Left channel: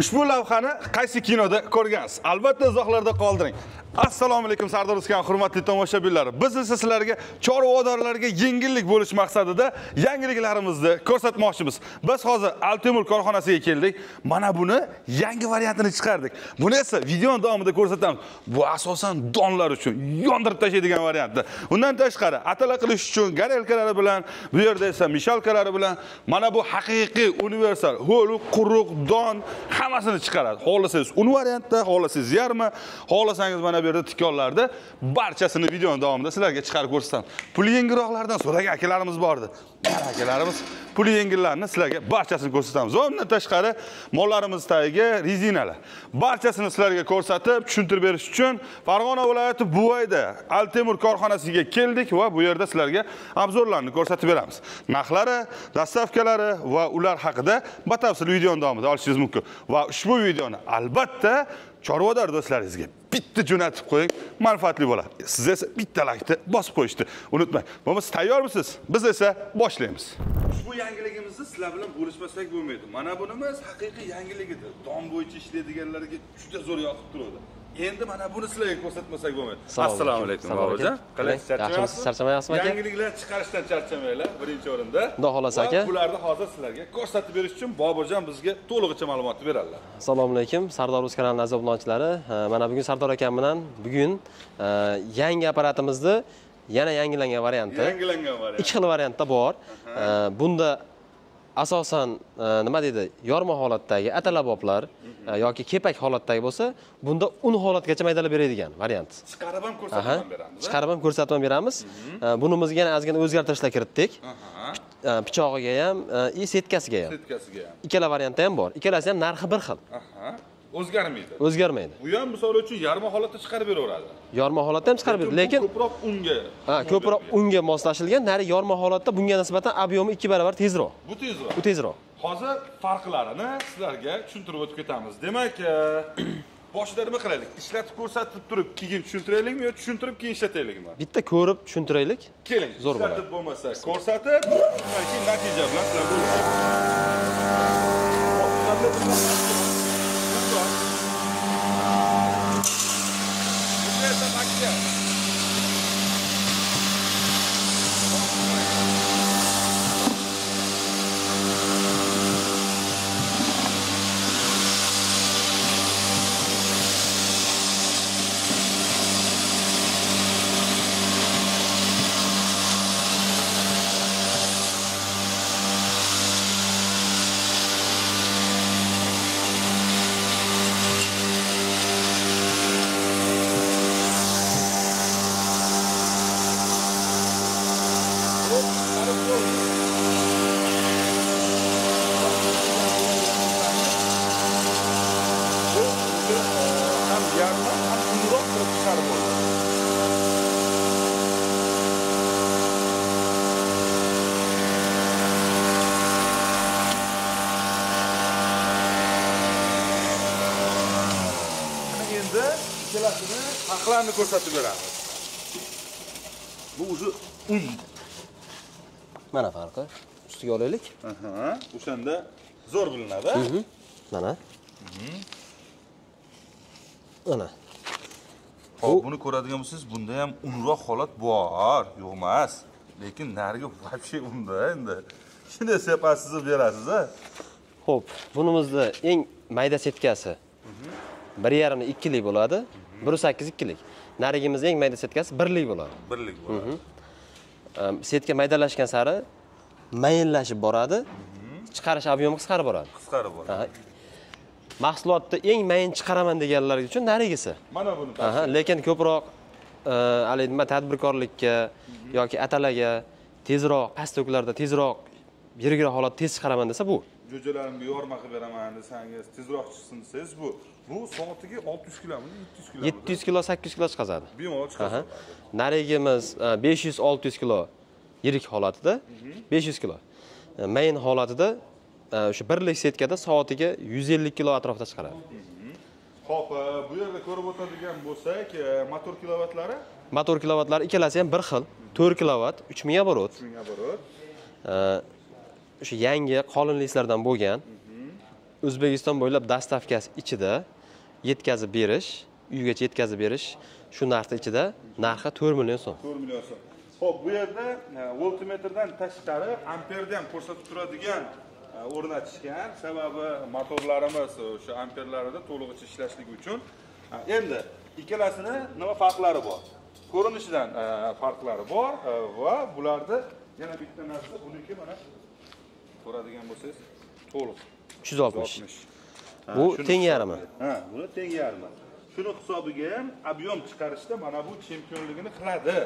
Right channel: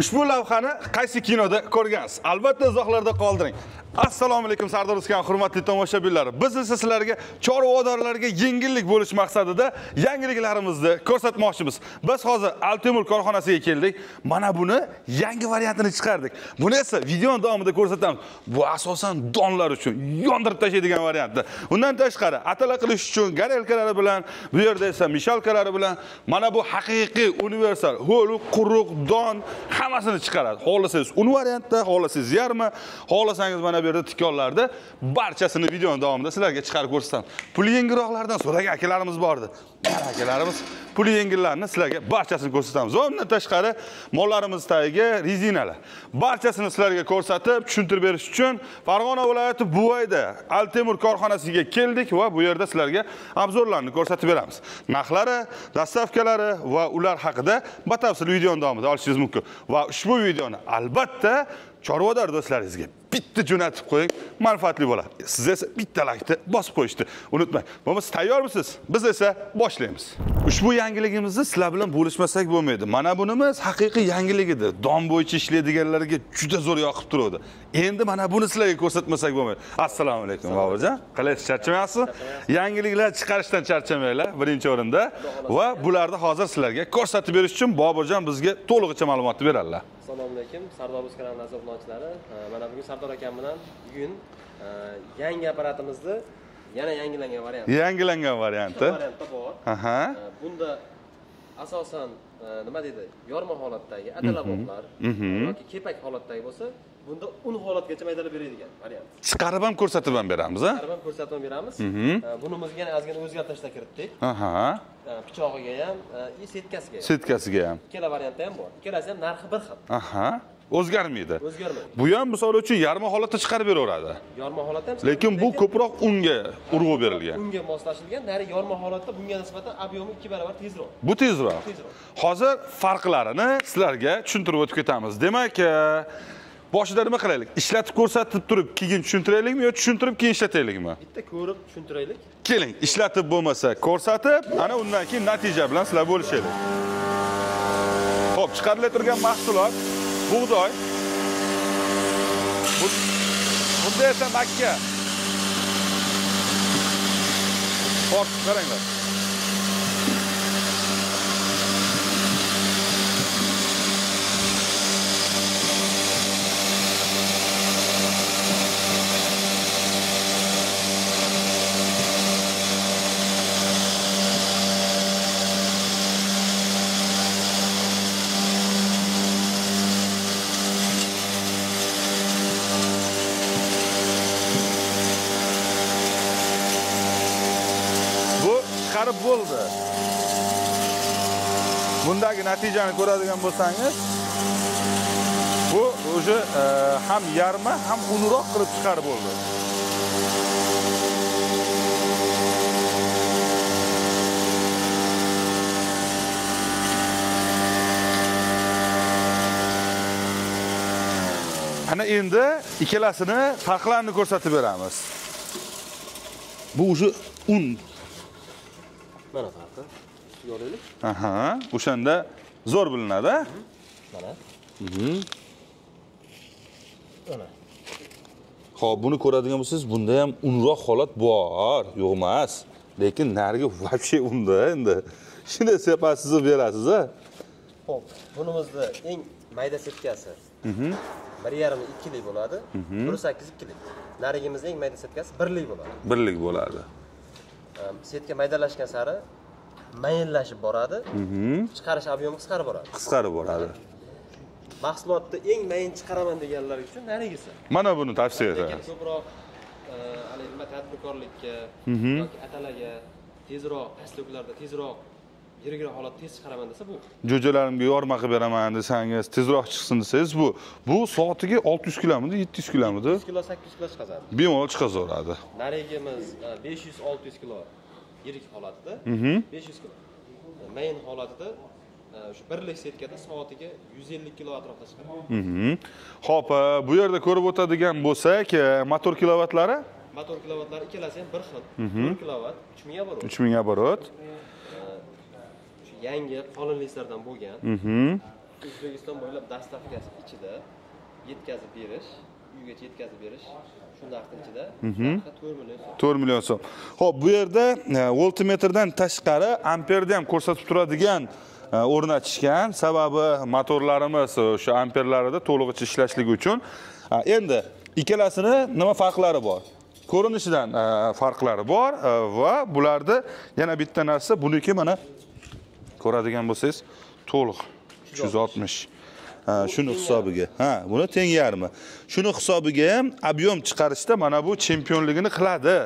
Ushbu lavhani qaysi kinoda ko'rgansiz? Albatta izohlarda qoldiring. Assalomu alaykum Sardor Uskan, hurmatli tomoshabinlar. Biz esa sizlarga chorvadorlarga yengillik bo'lish maqsadida yangiliklarimizni ko'rsatmoqchimiz. Biz hozir Altemur korxonasiga keldik. Mana buni yangi variantini chiqardik. Buni esa video davomida ko'rsatamiz. Bu asosan donlar uchun yondirib tashlaydigan variantda. Undan tashqari atala qilish uchun garelkalari bilan, bu yerda esa mishalkalari bilan mana bu haqiqiy universal ho'l, quruq don hammasini chiqaradi. Xohlasangiz un variantda, xohlasangiz yarmi, xohlasangiz mana bu yerda tikonlarda barchasini video davomida sizlarga chiqarib ko'rsataman. Puli yengilroqlardan so'ragan akalarimiz bor edi. Akalarimiz puli yengillarni sizlarga barchasini ko'rsatamiz. Undan tashqari mollarimiz tagiga rezinalar. Barchasini sizlarga ko'rsatib, tushuntirib berish uchun Farg'ona viloyati Buvayda Altemur korxonasiga keldik va bu yerda sizlarga obzorlarni ko'rsatib beramiz. Narxlari, dastavkalari va ular haqida batafsil video davomida olishingiz mumkin. Va ushbu videoni albatta chorvador do'stlaringizga bitta jo'natib qo'ying, manfaatli bo'ladi. Siz esa bitta laykni bosib qo'yishni unutmang. Siz tayyormisiz? Biz esa boshlaymiz. Ushbu yangiligimizni sizlar bilan bo'lishmasak bo'lmaydi. Mana bunimiz haqiqiy yangilik edi. Don bo'yicha ishlaydiganlarga juda zo'r yoqib turadi. Endi mana buni sizlarga ko'rsatmasak bo'lmaydi. Assalomu alaykum. Navojon. Qalaysiz, charchamayapsiz? Yangiliklar chiqarishdan charchamanglar birinchi o'rinda. Va bularni hozir sizlarga ko'rsatib berish uchun Boburjon bizga to'lig'icha ma'lumotni beradilar. Assalomu alaykum. Sardor Uz kanalining aziz obunachilari. Mana bugun Sardor akam bilan yangi apparatimizni yana yangilangan variantda. Yangilangan variantda. 2 xil variantda bor. Bunda asosan nima deydi, yorma holatdagi atalaboblar yoki kepak holatdagi bo'lsa, bunda un holatgacha maydalab beradigan variant. Chiqarib ham ko'rsatib ham beramiz. Chiqarib ham ko'rsatib ham beramiz. Bunimizga yana ozgina o'zgartirishlar kiritdik. Pichog'iga ham, setkasiga ham. Setkasiga ham. Ikkala variantda ham bor. Ikkalasi ham narxi bir xil. O'zgarmaydi. O'zgarmaydi. Bu ham misol uchun yarmi holatda chiqarib beraveradi. Yorma holatda ham chiqarib beradi, lekin bu ko'proq unga urg'u berilgan. Unga moslashilgan, nari yorma holatda bunga nisbatan ob'yomi 2 barobar tezroq. Bu tezroq. Bu tezroq. Hozir farqlarini sizlarga tushuntirib o'tib ketamiz. Demak, boshida nima qilaylik? Ishlatib ko'rsatib turib, keyin tushuntiraylikmi yo tushuntirib keyin ishlataylikmi? Bitta ko'rib tushuntiraylik. Keling, ishlatib bo'lmasa ko'rsatib, ana undan keyin natija bilan sizlar bo'lishaylik. Xo'p, chiqarib turgan mahsulot buğday. Bunda esa makka. Hop, qaranglar. Bo'ldi. Bundagi natijani ko'radigan bo'lsangiz, bu o'zi ham yarmi, ham unroq qilib chiqarib bo'ldi. Ana endi ikkalasini farqlarini ko'rsatib beramiz. Bu o'zi un. Mana farqi. Ustiga olaylik. O'shanda zo'r bilinadi. Mana. Mana. Xo'p, buni ko'radigan bo'lsangiz, bunda ham unroq holat bor, yo'q emas. Lekin nariga вообще unda endi. Shuni sepasiz berasiz-a? Xo'p, bunimizda eng mayda setkasi 1,5-2 lik bo'ladi. 1,8 2 lik. Narigimizda eng mayda setkasi 1 lik bo'ladi. 1 lik bo'ladi. Setka maydalashgan sari mayinlashib boradi. Chiqarish ob'yomi qisqarib boradi. Qisqarib boradi. Mahsulotda eng mayin chiqaraman deganlar uchun narigisi. Mana buni tavsiya etaman. Lekin ko'proq nima tadbirkorlikka yoki atalaga tezroq, pastliklarda tezroq yirigira holat tez chiqaraman desa bu. Jo'jalarimga yorma qilib beraman desangiz, tezroq chiqsin desangiz bu soatiga 600 kilomidi, 700 kilomidi? 700 kilo, 800 kilo chiqazadi. Bemalol chiqazaveradi. Narigimiz 500-600 kilo yirik holatida, 500 kilo. Mayin holatida o'sha birlik setkada soatiga 150 kilo atrofida chiqaradi. Xo'p, bu yerda ko'rib o'tadigan bo'lsak, motor kilovatlari? Motor kilovatlari ikkalasi ham bir xil. 4 kilovat, 3000 oborot. 3000 oborot. o'sha yangi qolinliklardan bo'lgan. O'zbekiston bo'ylab dastavkasi ichida yetkazib berish, uygacha yetkazib berish shu narxda ichida, narxi 4 million so'm. 4 million so'm. Xo'p, bu yerda voltmetrdan tashqari amperni ham ko'rsatib turadigan o'rnatishgan. Sababi motorlarimiz o'sha amperlarida to'lig'icha ishlashligi uchun. Endi ikkalasini nima farqlari bor? Ko'rinishidan farqlari bor va bularda yana bitta narsa, buniki mana ko'radigan bo'lsangiz, to'liq 360. Shuni hisobiga. Buni teng yarmi. Shuni hisobiga ham ob'yom chiqarishda mana bu chempionligini qiladi.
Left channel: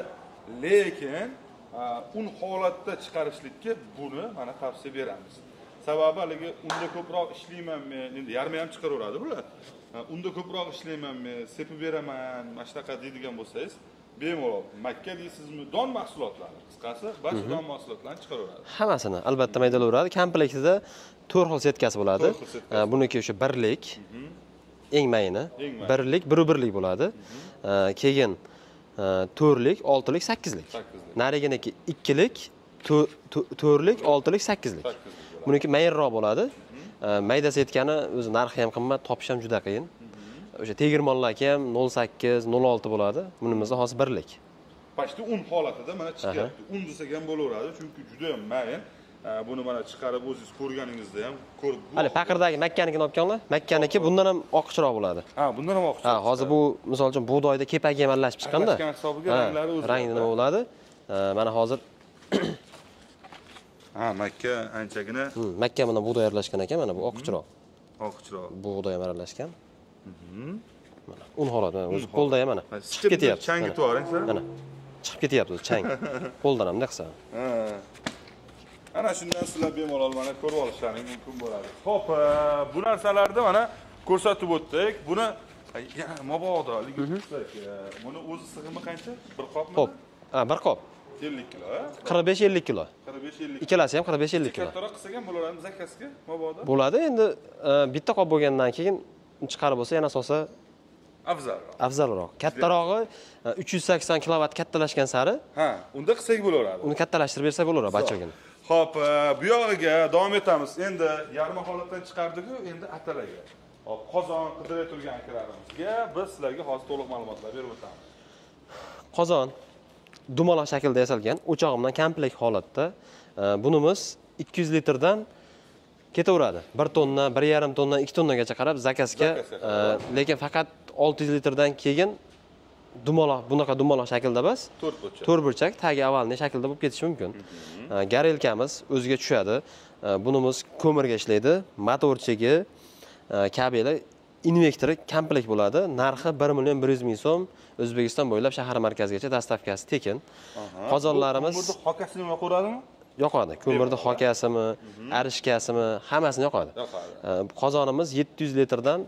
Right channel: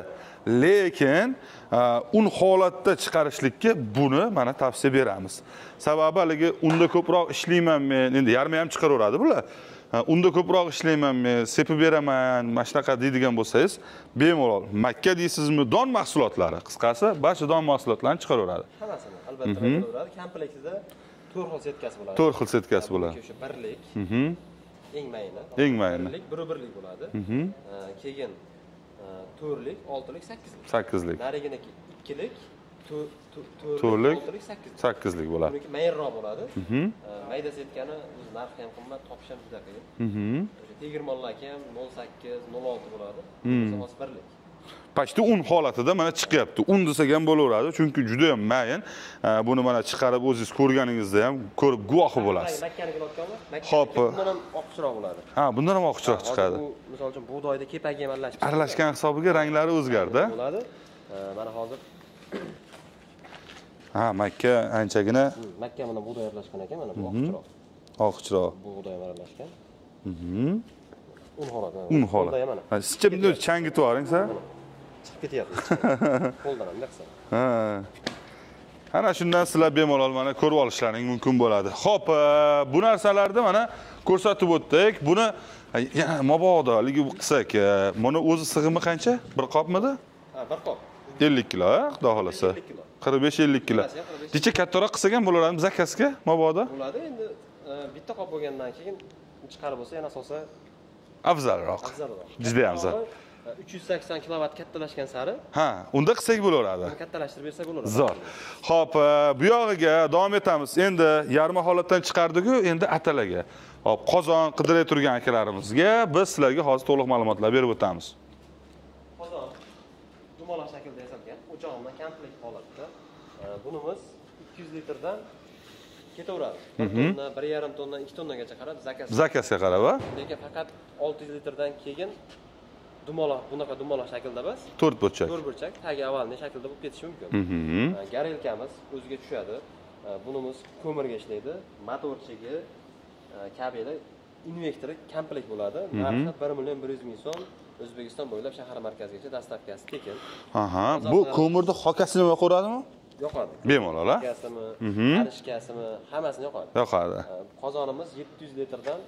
Lekin un holatda chiqarishlikka buni mana tavsiya beramiz. Sababi haligi unda ko'proq ishlayman men, endi yarmi ham chiqaraveradi bular. Unda ko'proq ishlayman men, sepib beraman, mana shunaqa deydigan bo'lsangiz, bemalol makka deysizmi, don mahsulotlari, qisqasi, barcha don mahsulotlarini chiqaraveradi. Hammasini albatta maydalaveradi. Komplektida 4 xil setkasi bo'ladi. 4 xil setkasi. Buniki o'sha birlik. Eng mayini. Birlik, 1 bo'ladi. Keyin 4lik, 6lik, 8lik. 8lik. Nariginiki 2lik, 4lik, 6lik, 8lik. 8lik bo'ladi. Buniki mayinroq bo'ladi. Mayda setkani o'zi narxi ham qimmat, topish ham juda qiyin. O'sha tegirmonlarga ham 08, 06 bo'ladi. Bunimiz hozir birlik. Pashti un holatida mana chiqyapti. Un desak ham bo'laveradi, chunki juda ham mayin. Buni mana chiqarib o'zingiz ko'rganingizda ham ko'rib guvohi bo'lasiz. Taqirdagi Makkaniki olganlar, Makkaniki bundan ham oqchiroq bo'ladi. Bundan ham oqchiroq chiqadi. Hozir bu, misol uchun, bug'doyda kepagi ham aralashib chiqqanda. Aralashgan hisobiga ranglari o'zgardi. Bo'ladi. Mana hozir Makka anchagina. Makka bilan bug'doy aralashgan ekan, mana bu oqchiroq. Oqchiroq. Bug'doy ham aralashgan. Un holati mana. Un Qo'lda ham mana. Sichibni changitib yuboring sen. Mana. Chiqib ketyapti chang. Qo'ldan ham daqsa. Ana shundan sizlar bemalol mana ko'rib olishlaring mumkin bo'ladi. Xo'p, bu narsalarni mana ko'rsatib o'tdik. Buni mabodo ligi qilsak, buni o'zi sig'imi qancha? Bir qopmidi? Bir qop. 50 kilo, 45-50 kilo. 45-50 kilo. Ikkalasi ham 45-50 kilo. Kecha kattaroq qilsak ham bo'laradimi zakazga mabodo? Bo'ladi. Endi bitta qop bo'lgandan keyin chiqarib bo'lsa, yana asosan afzalroq. Afzalroq. Kattarog'i 380 kilovat kattalashgan sari. Unda qilsak bo'laveradi. Uni kattalashtirib bersak bo'laveradi barchaga. Xo'p, bu yog'iga davom etamiz. Endi yarmi holatdan chiqardik-ku, endi atalaga. Hop, qozon qidiray turgan akalarimizga biz sizlarga hozir to'liq ma'lumotlar berib o'tamiz. Qozon dumaloq shaklda yasalgan, o'chog'imdan komplekt holatda. Bunimiz 200 litrdan ketaveradi. 1 tonna, 1,5 tonna, 2 tonnagacha qarab zakazga qarab. Lekin faqat 600 litrdan keyin bunaqa dumaloq shaklda emas, 4 burchak. 4 burchak, tagi avvalni shaklda bo'lib ketishi mumkin. Garelkamiz o'ziga tushadi. Bunimiz ko'mirga ishlaydi, motorchigi, kabeli, invektori komplekt bo'ladi. Narxi 1,100,000 so'm. O'zbekiston bo'ylab shahar markazigacha dastavkasi tekin. Bu ko'mirda hokasini nima qo'radimi? Yoqadi. Ko'mirda hokasimi, arishkasimi, hammasini yoqadi. Yoqadi. Qozonimiz 700 litrdan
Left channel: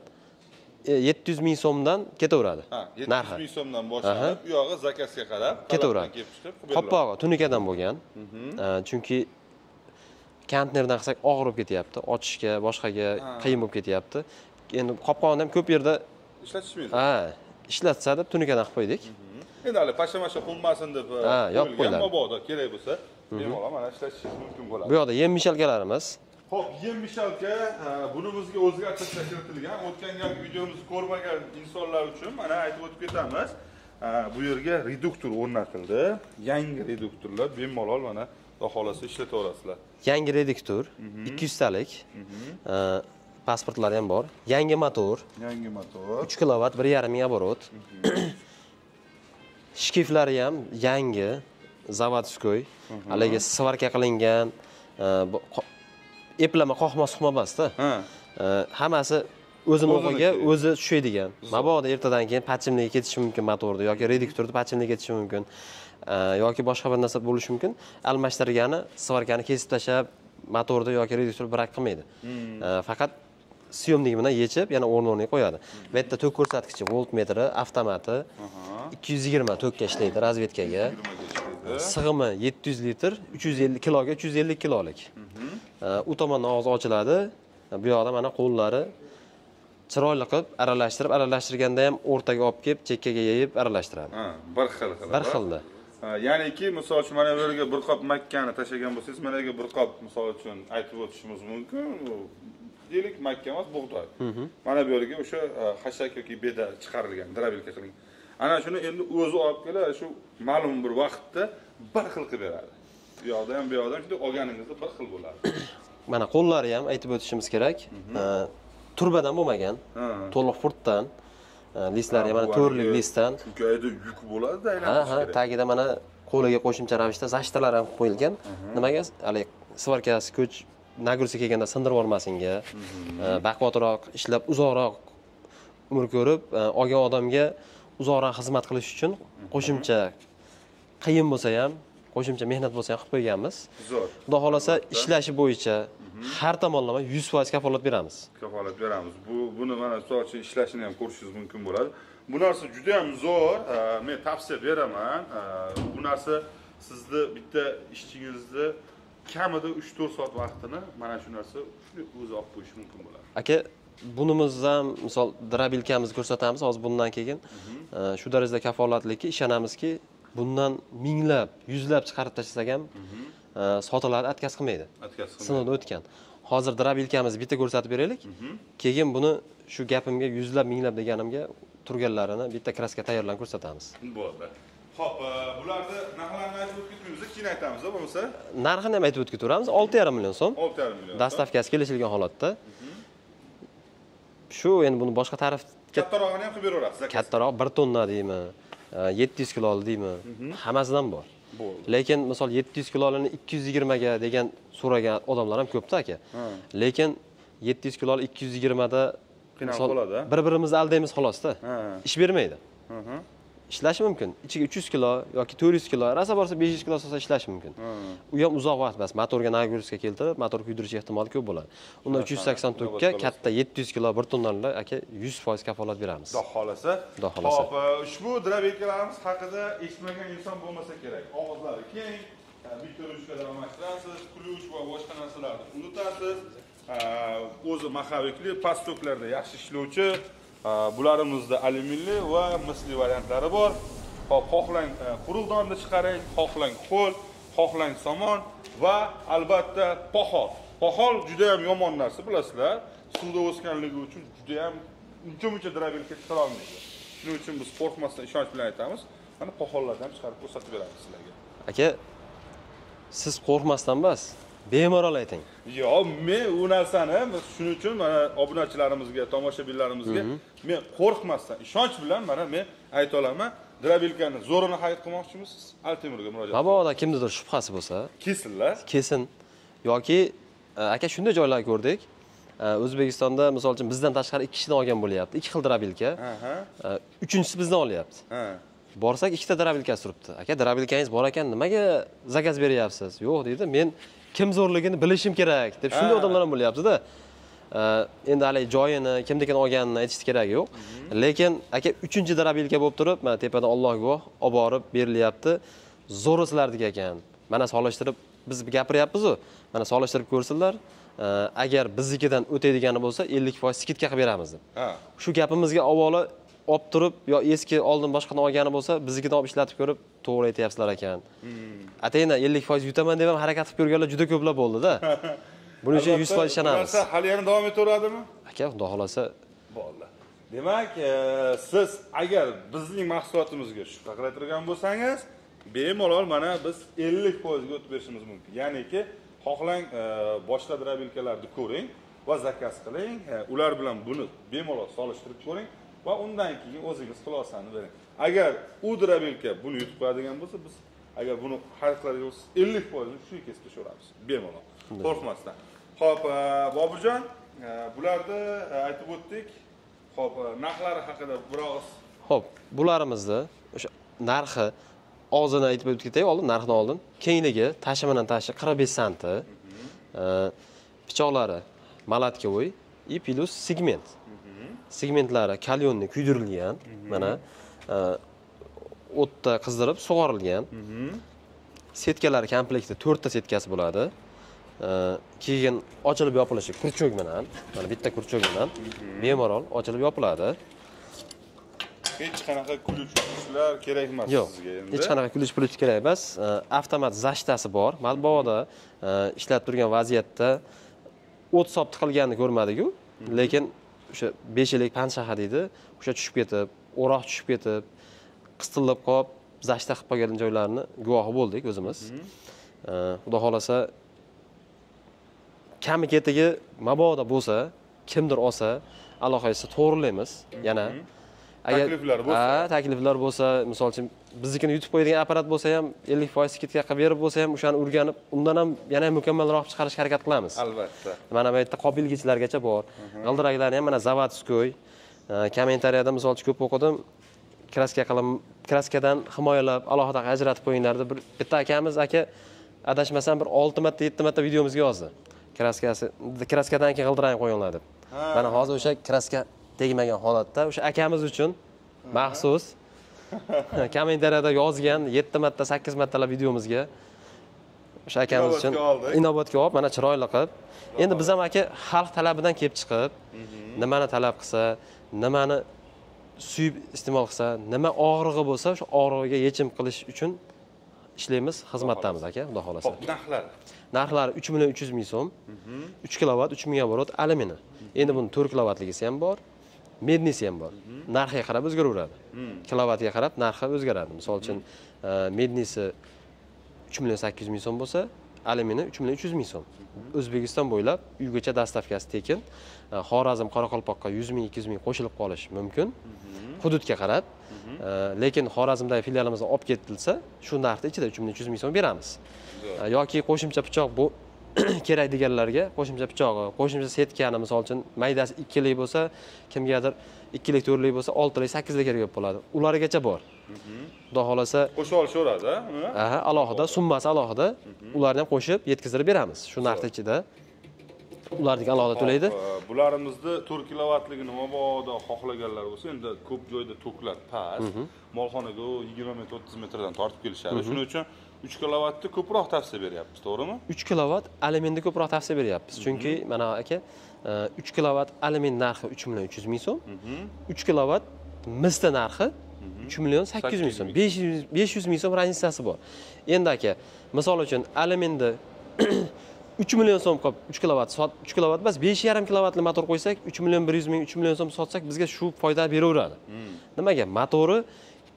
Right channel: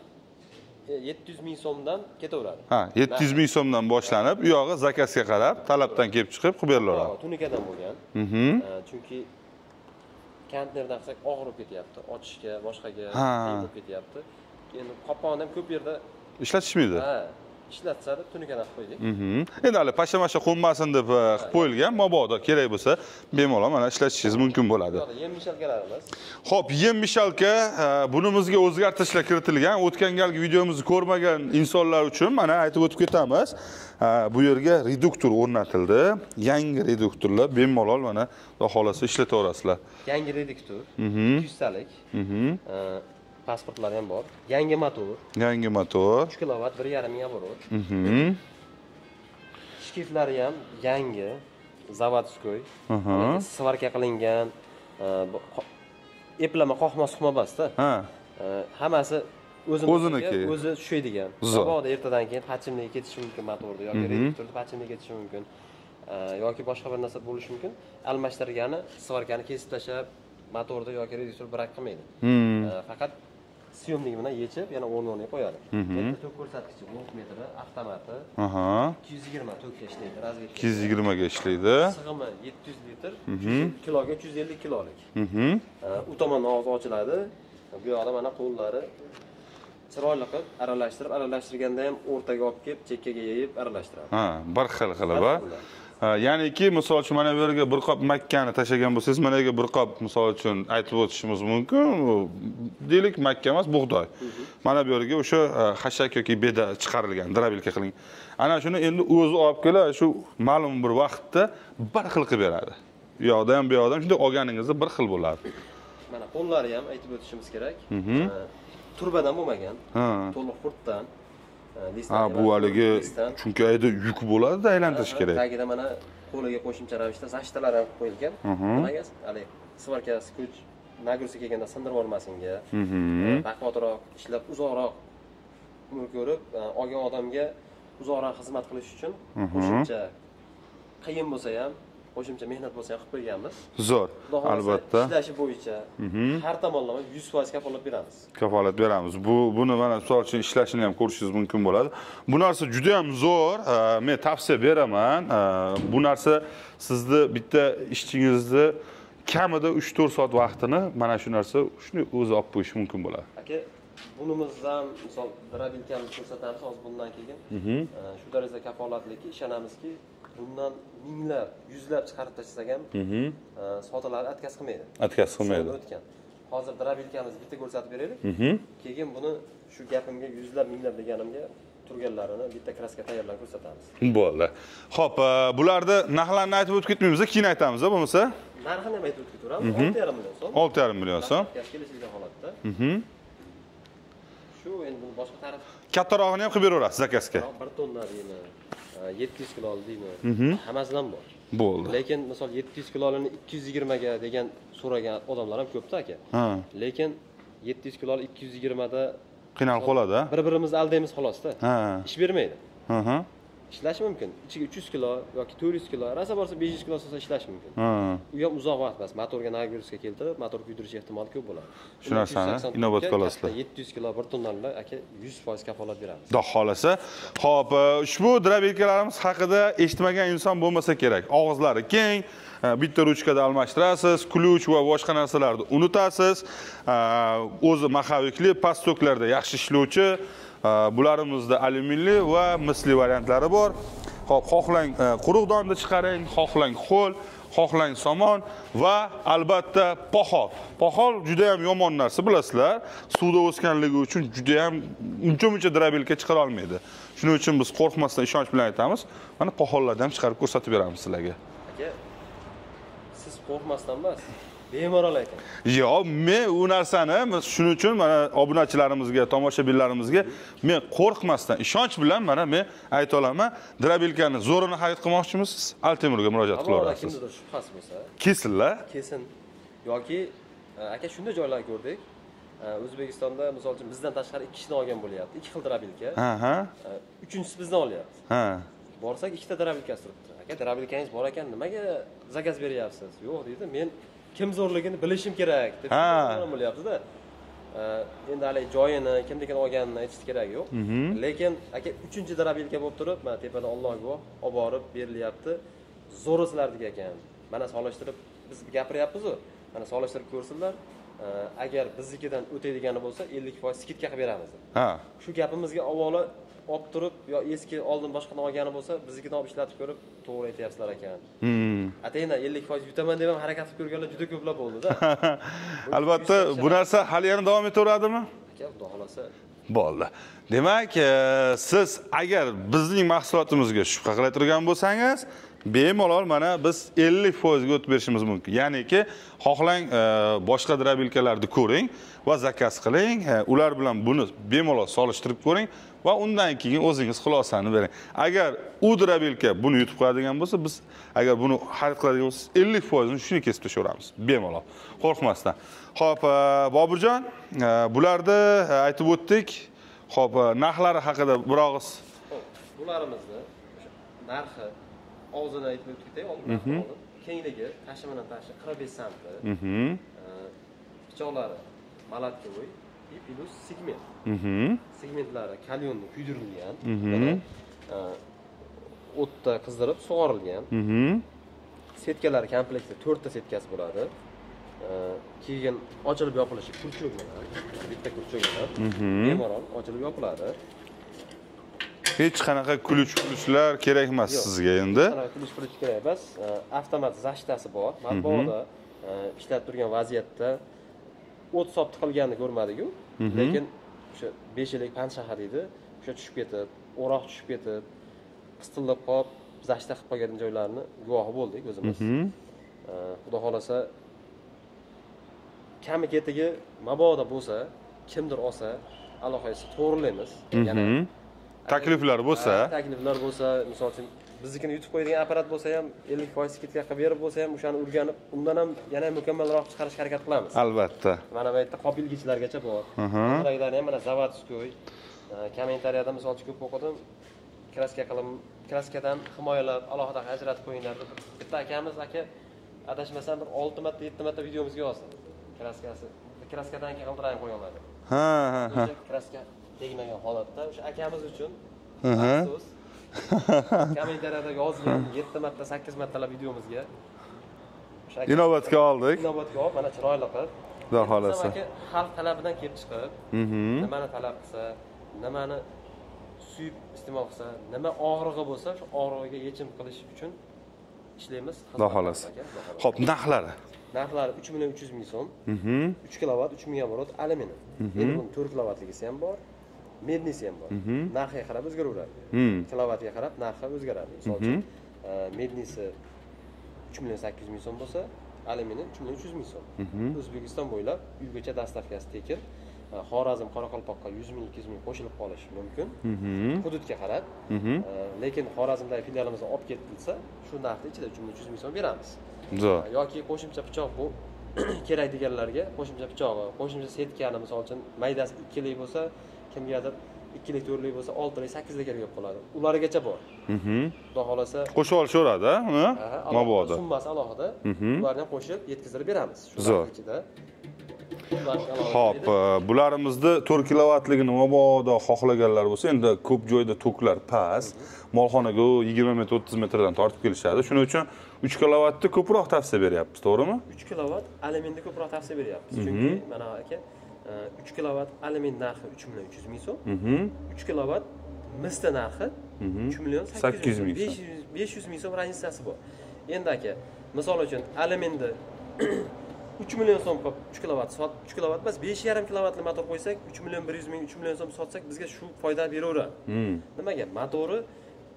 700,000 so'mdan ketaveradi. 700,000 so'mdan boshlanib, u yog'i zakazga qarab, talabdan kelib chiqib qilib beriladi. Qopqog'i tunikadan bo'lgan. Chunki konteynerdan qilsak og'ir bo'lib ketyapti, ochishga, boshqaga qiyin bo'lib ketyapti. Endi qopqog'ini ham ko'p yerda ishlatishmaydi. Ishlatsa deb tunikadan qilib qo'ydik. Endi hali pasha-masha qo'nmasin deb qo'yilgan, mabodo kerak bo'lsa, bemalol mana ishlatishingiz mumkin bo'ladi. Bu yoqda yem mishalkalarimiz. Xo'p, yem mishalka bunimizga o'zgartirishlar kiritilgan. O'tgan galgi videomizni ko'rmagan insonlar uchun mana aytib o'tib ketamiz. Bu yerga reduktor o'rnatildi. Yangi reduktorlar bemalol mana xudo xolasa ishlataverasizlar. Yangi reduktor 200 talik. Pasportlari ham bor. Yangi motor. 3 kilovat, 1,5 ming оборот. Shkiflari ham yangi, zavodskoy. Haligi svarka qilingan, eplama qoqma-suqma emas-da. Hammasi o'ziga o'zi tushadigan. Mabodo ertadan keyin pachimliga ketishi mumkin motorda yoki reduktorda pachimliga ketishi mumkin. Yoki boshqa bir narsa bo'lishi mumkin. Almashtirgani, svarkani kesib tashlab motorda yoki reduktorda brak qilmaydi. Faqat syomnik bilan yechib, yana o'rniga qo'yadi. Bu yerda tok ko'rsatkichi, voltmetri, avtomati 220 tokka ishlaydi, razvedkaga. 220 ga ishlaydi. Sig'imi 700 litr, 350 kiloga 350 kilolik. U tomondan og'zi ochiladi. Bu yoqda mana qo'llari chiroyli qilib aralashtirganda ham o'rtaga olib kelib, chekkaga yeyib aralashtiradi. Bir xil qilib. Ya'niki, misol uchun mana bu yerga bir qop makkani tashlagan bo'lsangiz, mana yerga bir qop misol uchun aytib o'tishimiz mumkin. Deylik, makka emas, bug'doy. Mana bu yerga o'sha xashak yoki beda chiqarilgan, drabilka qiling. Ana shuni endi o'zi olib kelib, shu ma'lum bir vaqtda bir xil qilib beradi. Bu yoqda ham, bu yoqda ham shunday olganingizda bir xil bo'ladi. Mana qo'llari ham aytib o'tishimiz kerak. Turbadan bo'lmagan, to'liq furtdan, listlari ham to'rli listdan. Chunki ayda yuk bo'ladi-da, aylantirish kerak. Tagida mana qo'liga qo'shimcha ravishda zashtalar ham qo'yilgan. Nimaga? Hali svarkasi kuch nagruzi kelganda sindirib olmasinga, baquvvatroq ishlab uzoqroq umr ko'rib, olgan odamga uzoqroq xizmat qilish uchun qo'shimcha qiyin bo'lsa ham, qo'shimcha mehnat bo'lsa ham qilib qo'yganmiz. Zo'r. Xudo xolasa ishlashi bo'yicha har tomonlama 100% kafolat beramiz. Kafolat beramiz. Buni mana misol uchun ishlashini ham ko'rishingiz mumkin bo'ladi. Bu narsa juda ham zo'r. Men tavsiya beraman. Bu narsa sizni bitta ishchingizni kamida 3-4 soat vaqtini mana shu narsa shuni o'zi olib qo'yishi mumkin bo'ladi. Aka, bunimizni ham misol drabilkamizni ko'rsatamiz hozir bundan keyin. Shu darajada kafolatlikka ishonamizki, bundan minglab, yuzlab chiqarib tashlasak ham sotiladi, atkaz qilmaydi. Atkaz qilmaydi. Sinovdan o'tgan. Hozir drabilkamizni bitta ko'rsatib beraylik. Keyin buni shu gapimga yuzlab, minglab deganimga turganlarini bitta kraska tayyorlab ko'rsatamiz. Bo'ldi. Xo'p, bularda narxlarni aytib o'tib ketmaymiz, keyin aytamiz, bo'lmasa? Narxini ham aytib o'tib ketaveramiz. 6,5 million so'm. 6,5 million so'm. Dastavkasi kelishilgan holatda. Shu endi buni boshqa tarif kattarog'ini ham qilib beraverasiz, zakazga. Kattaroq 1 tonna deymi, 700 kilo deymi, hammasidan bor. Bo'ldi. Lekin misol 700 kilolini 220 ga degan so'ragan odamlar ham ko'pda aka. Lekin 700 kiloni 220 da qiynalib qoladi. Bir-birimizni aldaymiz xolosda. Ish bermaydi. Ishlashi mumkin. Ichiga 300 kilo yoki 400 kilo, rasa borsa 500 kilo solsa ishlashi mumkin. U ham uzoq vaqt emas. Motorga nagruska keltirib, motor kuydirish ehtimoli ko'p bo'ladi. Uni 380 ga katta 700 kilo 1 tonnalar aka 100% kafolat beramiz. Xudo xolasa. Xo'p, ushbu drabilkalarimiz haqida eshitmagan inson bo'lmasa kerak. Og'izlari keng, bitta ruchkada almashtirasiz, ключ va boshqa narsalarni unutasiz. O'zi mahavikli, past toklarda yaxshi ishlovchi. Bularımızda alyuminli va misli variantlari bor. Xohlang quruq donda chiqaring, xohlang ho'l, xohlang somon va albatta pohol. Pohol juda ham yomon narsa, bilasizlar. Suvda o'sganligi uchun juda ham uncha-muncha drabilka chiqara olmaydi. Shuning uchun biz qo'rqmasdan ishonch bilan aytamiz. Mana pohollarni ham chiqarib ko'rsatib beramiz sizlarga. Aka, siz qo'rqmasdan emas, bemalol ayting. Yo'q, men u narsani shuning uchun mana obunachilarimizga, tomoshabinlarimizga men qo'rqmasdan, ishonch bilan mana men ayta olaman. Drabilkani zo'rini xarid qilmoqchimisiz? Altemurga murojaat qiling. Ammo kimnidir shubhasi bo'lsa, kesinlar. Kesin. Yoki aka shunday joylar ko'rdik. O'zbekistonda misol uchun bizdan tashqari 2 kishini olgan bo'lyapti. 2 xil drabilka. Uchinchisi bizdan olyapti. Borsak 2 ta drabilkasi turibdi. Aka, drabilkangiz bor ekan, nimaga zakaz beryapsiz? Yo'q deydi. Men kim zo'rligini bilishim kerak deb shunday odamlar ham bo'lyapti-da. Endi hali joyini, kimnikidan olganini aytish kerak yo'q. Lekin aka 3-chi drabilka bo'lib turib, mana tepada Alloh guvoh olib borib berilyapti. Zo'ri sizlardek ekan. Mana solishtirib biz gapiryapmiz-ku. Mana solishtirib ko'rsinlar. Agar biznikidan o'taydigani bo'lsa 50% skidka qilib beramiz deb. Shu gapimizga avvalo olib turib yo eski oldin boshqani olgani bo'lsa, biznikidan olib ishlatib ko'rib, to'g'ri aytyapsizlar ekan. Atayna 50% yutaman deb ham harakat qilib ko'rganlar juda ko'plar bo'ldi-da. Buning uchun 100% ishonamiz. Bu narsa hali ham davom etaveradimi? Aka, xudo xolasa bo'ldi. Demak, siz agar bizning mahsulotimizga shubha qilib turgan bo'lsangiz, bemalol mana biz 50% ga o'tib berishimiz mumkin. Ya'niki, xohlang boshqa drabilkalarni ko'ring va zakaz qiling. Ular bilan buni bemalol solishtirib ko'ring va undan keyin o'zingiz xulosani bering. Agar u drabilka buni yutib qo'yadigan bo'lsa, biz agar buni xarid qiladigan bo'lsangiz 50% ni shuni kesib tashaveramiz. Bemalol, qo'rqmasdan. Xo'p, Boburjon, bularni aytib o'tdik. Xo'p, narxlari haqida bir og'iz. Xo'p, bularimizni o'sha narxi og'zini aytib o'tib ketay, oldin narxni oldin. Kengligi tashimadan tashi 45 santi. Pichoqlari malatkovoy и plus segment. Segmentlari kalyonni kuydirilgan, mana o'tda qizdirib sug'orilgan. Setkalari komplekti 4 ta setkasi bo'ladi. Keyin ochilib yopilishi kurchok bilan, mana bitta kurchok bilan bemalol ochilib yopiladi. Hech qanaqa kulishlar kerak emas sizga endi. Hech qanaqa kulish kerak emas. Avtomat zashtasi bor. Matbuotda ishlatib turgan vaziyatda o't sop tiqilganini ko'rmadik-ku, lekin o'sha 5 yillik panshaxa deydi, o'sha tushib ketib, o'roq tushib ketib, qistillab qolib, zashta qilib qolgan joylarni guvohi bo'ldik o'zimiz. Xudo xolasa kami ketigi mabodo bo'lsa, kimdir olsa, alohida to'g'rilaymiz. Yana takliflar bo'lsa, misol uchun biznikini yutib qo'yadigan apparat bo'lsa ham 50% skidka qilib berib bo'lsa ham o'shani o'rganib, undan ham yana mukammalroq chiqarishga harakat qilamiz. Albatta. Mana bu yerda qobilgichlargacha bor. G'ildiraklari ham mana zavodskoy. Kommentariyada misol uchun ko'p o'qidim. Kraskadan himoyalab, alohida ajratib qo'yinglar deb bitta akamiz adashmasam bir 6 marta 7 marta videomizga yozdi. Kraskadan keyin g'ildirang qo'yinglar deb. Mana hozir o'sha kraska tegmagan holatda o'sha akamiz uchun maxsus kommentariyada yozgan 7 marta 8 martalab videomizga o'sha akamiz uchun inobatga olib mana chiroyli qilib. Endi biz ham xalq talabidan kelib chiqib, nimani talab qilsa, nimani suyib iste'mol qilsa, nima og'rig'i bo'lsa, o'sha og'rig'iga yechim qilish uchun ishlaymiz, xizmatdamiz aka, xudo xolasa. Xo'p, narxlari? Narxlari 3.300.000 so'm. 3 kilovat, 3000 oborot alyumin. Endi buni 4 kilovatligisi ham bor, mednisi ham bor. Narxiga qarab o'zgaraveradi. Kilovatiga qarab narxi o'zgaradi. Misol uchun, mednisi 3.800.000 so'm bo'lsa, alyumini 3.300.000 so'm. O'zbekiston bo'ylab uygacha dastavkasi tekin. Xorazm, Qoraqalpoqqa 100.000, 200.000 qo'shilib qolish mumkin. Hududga qarab. Lekin Xorazmdagi filialimizdan olib ketilsa, shu narxda ichida 3.300.000 so'm beramiz. Yoki qo'shimcha pichoq bu kerak deganlarga qo'shimcha pichog'i, qo'shimcha setkani misol uchun maydasi 2 lik bo'lsa, kimgadir 2 lik, 4 lik bo'lsa, 6 lik, 8 lik kerak bo'ladi. Ulargacha bor. Xudo xolasa qo'shib olishaveradi, ha? Alohida summasi alohida. Ularni ham qo'shib yetkazib beramiz. Shu narxda ichida. Ularga alohida to'laydi. Bularimizni 4 kilovatligini mabodo xohlaganlar bo'lsa, endi ko'p joyda toklar past, molxonaga 20 metr, 30 metrdan tortib kelishadi. Shuning uchun 3 kilovatni ko'proq tavsiya beryapmiz, to'g'rimi? 3 kilovat alyuminni ko'proq tavsiya beryapmiz. Chunki mana aka 3 kilovat alyumin narxi 3.300.000 so'm. 3 kilovat misli narxi 3.800.000 so'm. 500.000 so'm razницasi bor. Endi aka, misol uchun alyuminni 3 million so'm qilib 3 kilovat 3 kilovat emas 5,5 kilovatli motor qo'ysak 3.100.000 3 million so'm sotsak bizga shu foyda beraveradi. Nimaga? Motori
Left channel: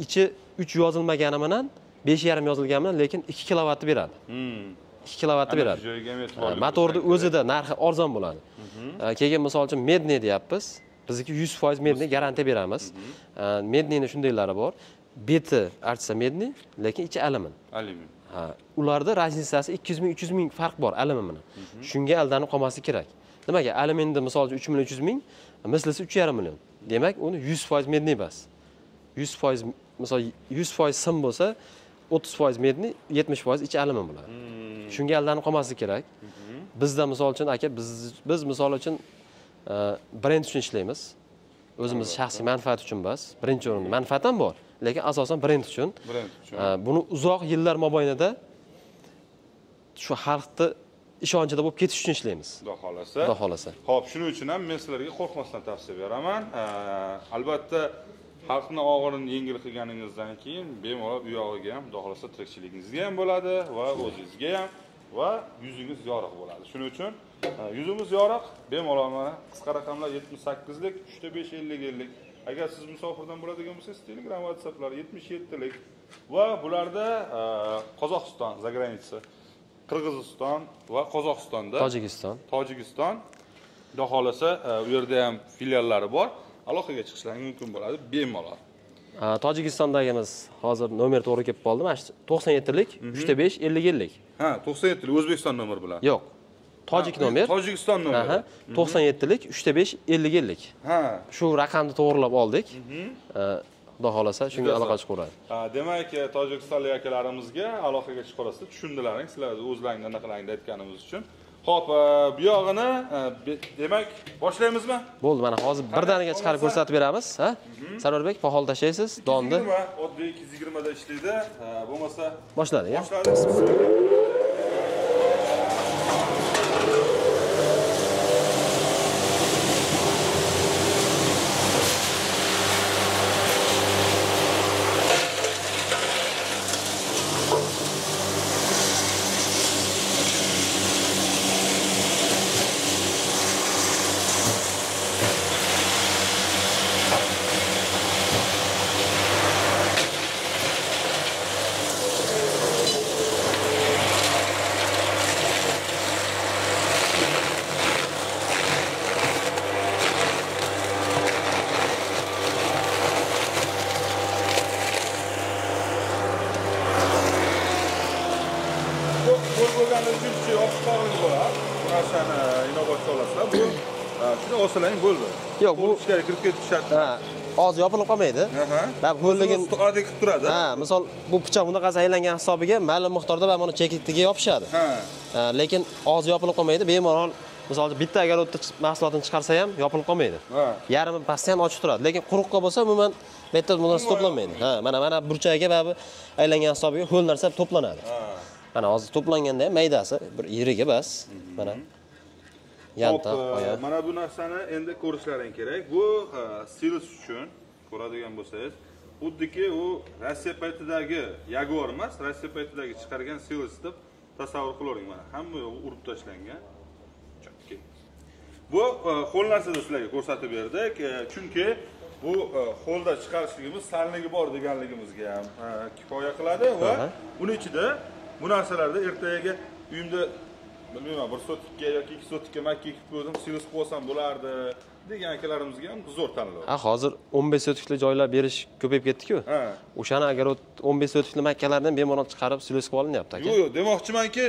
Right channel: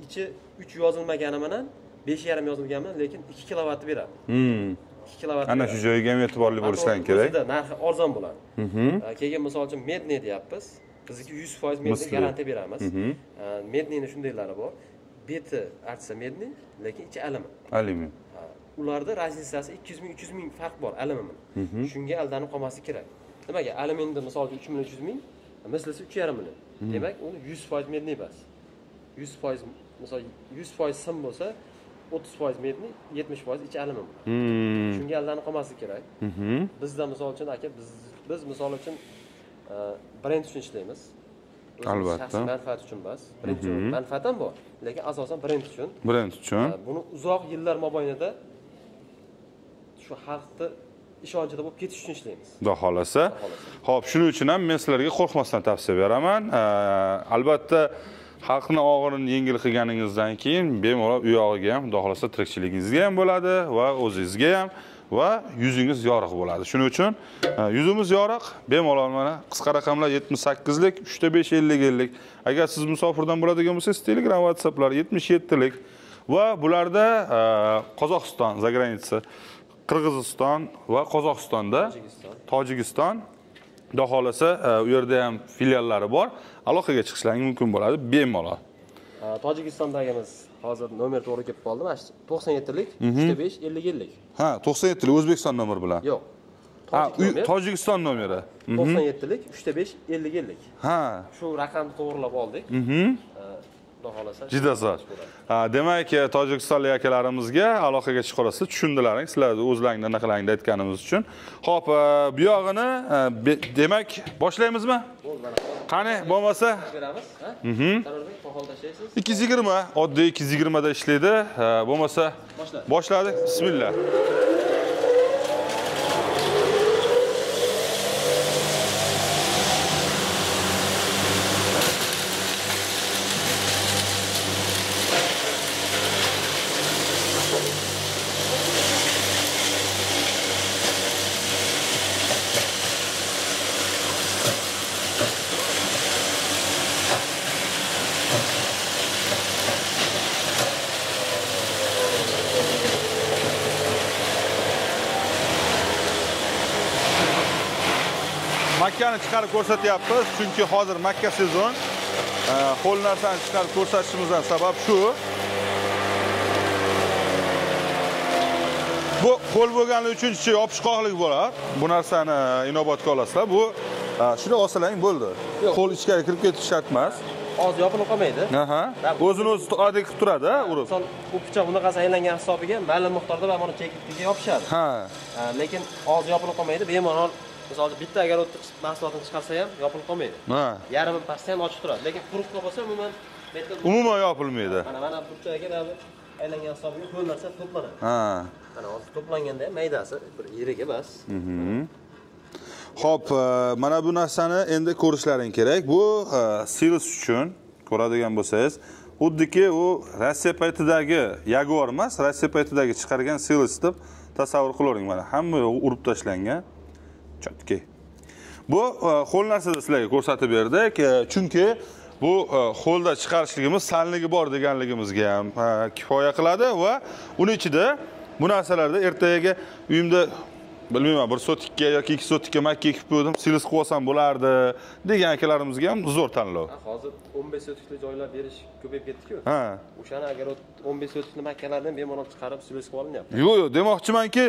ichi 3 yozilmagani bilan 5,5 yozilgani bilan lekin 2 kilovatni beradi. 2 kilovatni beradi. Ana shu joyga ham e'tiborli bo'lish kerak. Motorning o'zida narxi arzon bo'ladi. Keyin misol uchun medni deyapmiz. Bizniki 100% medni garantiya beramiz. Mednini shundaylari bor. Beti artsa medni, lekin ichi alyumin. Alyumin. Ha, ularda razницasi 200.000-300.000 farq bor alyumin. Shunga aldanib qolmaslik kerak. Nimaga? Alyuminni misol uchun 3.300.000, mislisi 3,5 million. Demak, uni 100% medni emas. 100% misol 100% sim bo'lsa, 30% medni, 70% ichi alyumin bo'ladi. Shunga aldanib qolmaslik kerak. Bizda misol uchun aka biz misol uchun brend uchun ishlaymiz. O'zimiz shaxsiy manfaat uchun emas. Birinchi o'rin manfaat ham bor, lekin asosan brend uchun. Brend uchun. Buni uzoq yillar mobaynida shu xalqni ishonchida bo'lib ketish uchun ishlaymiz. Xudo xolasa. Xo'p, shuning uchun ham men sizlarga qo'rqmasdan tavsiya beraman. Albatta xalqni og'irini yengil qilganingizdan keyin bemalol u yog'iga ham, xudo xolasa tirikchiligingizga ham bo'ladi va o'zingizga ham va yuzingiz yorug' bo'ladi. Shuning uchun yuzimiz yorug', bemalol mana qisqa raqamlar 78 lik, 3.5 50 lik. Agar siz musofirdan bo'ladigan bo'lsangiz, Telegram, WhatsApplar 77 lik va bularda Qozog'iston, zagranitsa, Qirg'iziston va Qozog'istonda, Tojikiston, xudo xolasa u yerda ham filiallari bor. Aloqaga chiqishlaring mumkin bo'ladi, bemalol. Tojikistondagimiz hozir nomer to'g'ri kelib qoldi. Mana 97 lik, 3.5 50 lik. Ha, 97 lik O'zbekiston nomeri bilan. Yo'q. Tojik nomer. Tojikiston nomeri. 97 lik, 3.5 50 lik. Ha. Shu raqamni to'g'rilab oldik. Xudo xolasa shu aloqa chiqaradi. Demak, tojikistonlik akalarimizga aloqaga chiqarasiz, tushundilaring, sizlarni o'zlaringdan naqalaringda aytganimiz uchun. Xo'p, bu yog'ini demak boshlaymizmi? Bo'ldi, mana hozir birdaniga chiqarib ko'rsatib beramiz, ha? Sarorbek, pahol tashlaysiz. 220, oddiy 220 da ishlaydi. Bo'lmasa boshladik. Boshladik. Bismillah. chiqarib ko'rsatyapmiz, chunki hozir Makka sezon. Qo'l narsani chiqarib ko'rsatishimizdan sabab shu. Bu qo'l bo'lgani uchinchi yopishqoqlik bo'ladi. Bu narsani inobatga olasizlar. Bu shuni olsalang bo'ldi. Qo'l ichkariga kirib ketish shart emas. Hozir yopilib qolmaydi. O'zini oddiy qilib turadi. Misol bu pichoq bunaqasi aylangan hisobiga ma'lum miqdorda mana chekitiga yopishadi. Lekin hozir yopilib qolmaydi. Bemalol misol bitta agar o'tda mahsulotini chiqarsa ham yopilib qolmaydi. Yarmi pastda ham ochiq turadi. Lekin quruqqa bo'lsa umuman bu yerda yopilmaydi. Mana burchagiga baribir aylangan hisobiga ho'l narsa to'planadi. Mana hozir to'planganda ham maydasi bir yiriga bas. Mana Xo'p, mana bu narsani endi ko'rishlaring kerak. Bu Silis uchun ko'radigan bo'lsangiz, xuddiki u Rossiya paytidagi Jaguar emas, Rossiya paytidagi chiqargan Silis deb tasavvur qilavering. Mana hamma urib tashlangan. Chotki. Bu qo'l narsada sizlarga ko'rsatib berdik, chunki bu qo'lda chiqarishligimiz sanligi bor deganligimizga ham kifoya qiladi va uning ichida bu narsalarda ertaga uyimda bilmayman 1 sotikka yoki 2 sotikka makka ekib qo'ydim, Silis qilib olsam bo'lardi degan akalarimizga ham zo'r tanlov. Hozir 15 sotikli joylar berish ko'payib ketdi-ku. O'shani agar 15 sotikli makkalardan bemalol chiqarib Silis qilib olinyapti. Yo'q, demoqchimanki,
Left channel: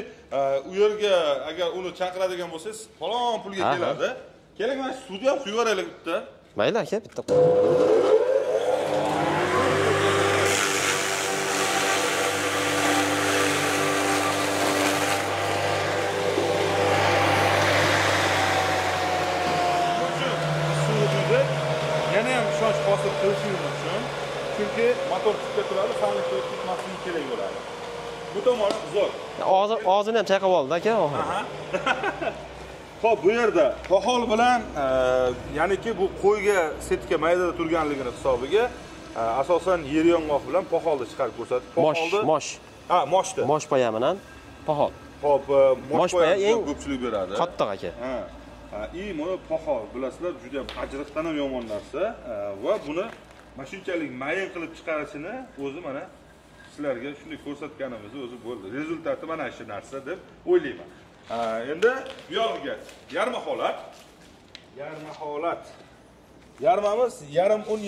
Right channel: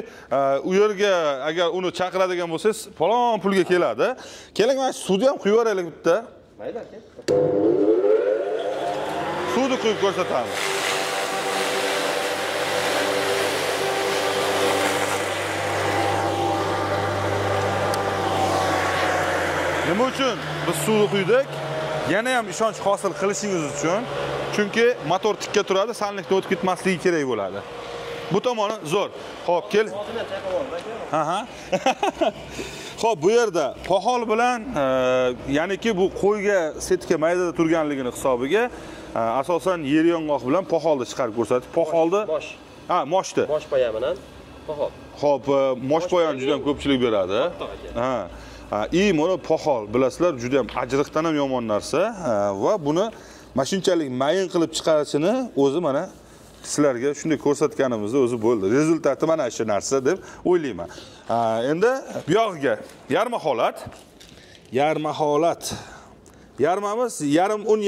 u yerga agar uni chaqiradigan bo'lsangiz, falon pulga keladi. Keling, mana suvni ham quyib yuboraylik bitta. Mayli aka, bitta. Suvni quyib ko'rsatadi. Biz suvni quydik. Yana ham ishonch hosil qilishingiz uchun, chunki motor tikka turadi, sanlikda o'tib ketmasligi kerak bo'ladi. Bu tomoni zo'r. Hozir ham chaqib oldi aka. Xo'p, bu yerda pohol bilan, ya'niki bu qo'yga setka maydada turganligini hisobiga asosan yer yong'oq bilan poholni chiqarib ko'rsatib, poholni mosh. Moshda. Mosh poya bilan pohol. Xo'p, mosh poya juda ko'pchilik beradi. Qattiq aka. Mana pohol, bilasizlar, juda ham ajriqdan ham yomon narsa va buni mashinchalik mayin qilib chiqarishini o'zi mana sizlarga shunday ko'rsatganimizda o'zi bo'ldi. Rezultati mana shu narsa deb o'ylayman. Endi bu yog'iga yarma holat. Yarmamiz yarim un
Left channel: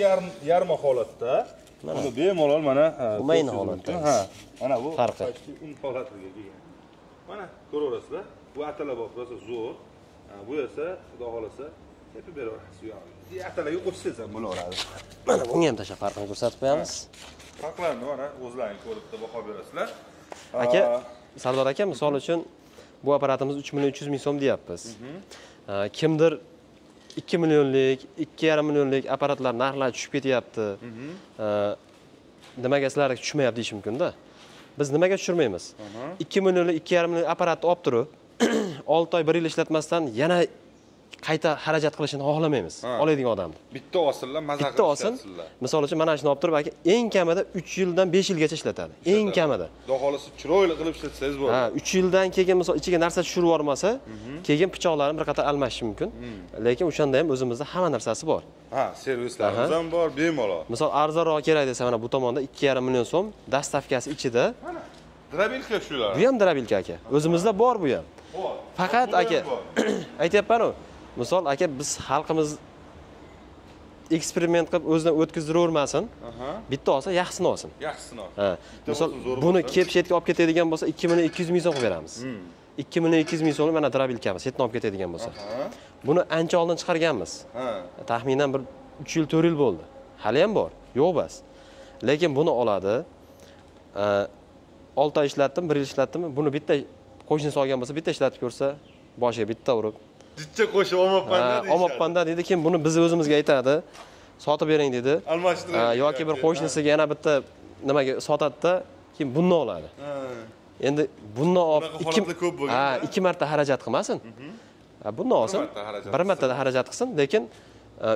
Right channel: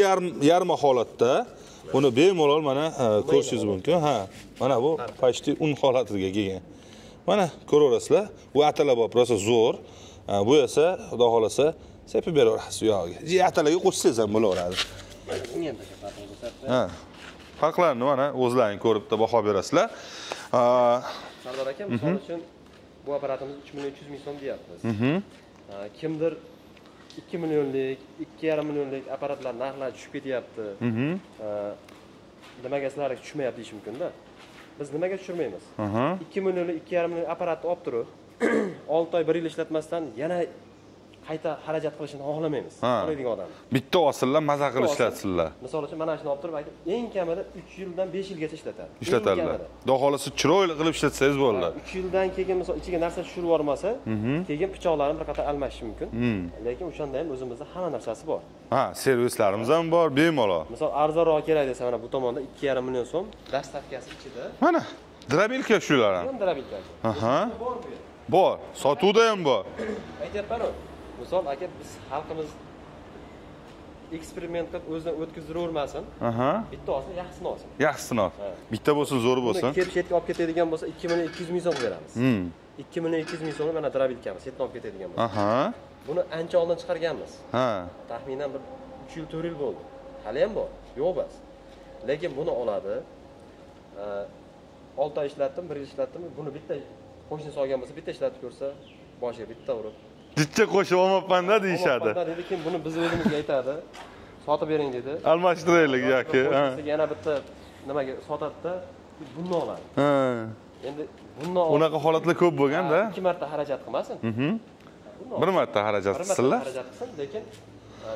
yarma holatda. Buni bemalol mana ko'rishingiz mumkin. Mana bu почти un holatiga kelgan. Mana ko'raverasizlar. Bu atalabop rosa zo'r. Bu esa xudo xolasa sepib beraverasiz u yog'iga. Atalarga qo'shsangiz ham bo'laveradi. Mana bunga ham tashlab farqini ko'rsatib qo'yamiz. Farqlarni mana o'zlaring ko'rib baho berasizlar. Aka, Sardor aka, misol uchun bu apparatimiz 3.3 ming so'm deyapmiz. Kimdir 2 millionlik, 2,5 millionlik apparatlar narxlari tushib ketyapti. Nimaga sizlarga tushmayapti deyish mumkin-da. Biz nimaga tushirmaymiz? 2 millionlik, 2,5 millionlik apparatni olib turib 6 oy 1 yil ishlatmasdan yana qayta xarajat qilishini xohlamaymiz. Oladigan odam. Bitta osillar maza qilib ishlatsinlar. Misol uchun mana shuni olib turib aka eng kamida 3 yildan 5 yilgacha ishlatadi. Eng kamida. Xudo xolasa chiroyli qilib ishlatsangiz bo'ladi. 3 yildan keyin misol ichiga narsa tushirib yubormasa, keyin pichoqlarni bir qator almashish mumkin. Lekin o'shanda ham o'zimizda hamma narsasi bor. Servislarimiz ham bor, bemalol. Misol arzonroq kerak desa mana bu tomonda 2,5 million so'm dastavkasi ichida. Mana drabilka shular. Bu ham drabilka aka. O'zimizda bor bu ham. Bor. Sotuvda ham bor. Aytyapman-ku. Misol aka biz xalqimiz eksperiment qilib o'zidan o'tkazivermasin. Bitta olsa yaxshisini olsin. Yaxshisini ol. Bitta bo'lsa zo'r bo'lsin. Buni kepshetga olib ketadigan bo'lsa 2,2 ming so'm beramiz. 2,2 ming so'm mana drabilkamiz, setni olib ketadigan bo'lsa. Buni ancha oldin chiqarganmiz. Taxminan bir 3 yil 4 yil bo'ldi. Hali ham bor. Yo'q bas. Lekin buni oladi. 6 oy ishlatdim, 1 yil ishlatdim. Buni bitta qo'shnisi olgan bo'lsa, bitta ishlatib ko'rsa, boshiga bitta urib bitta qo'shib olmabman-da deyishadi. Olmabman deydi, kim buni biz o'zimizga aytadi. Sotib bering dedi. Almashtiraylik yoki bir qo'shnisiga yana bitta nimaga sotadi-da, kim bunni oladi. Endi bunni unaqa holatlar ko'p bo'lganda 2 marta xarajat qilmasin. Bunni olsin. 1 marta xarajat qilsin. 1 marta xarajat qilsin, lekin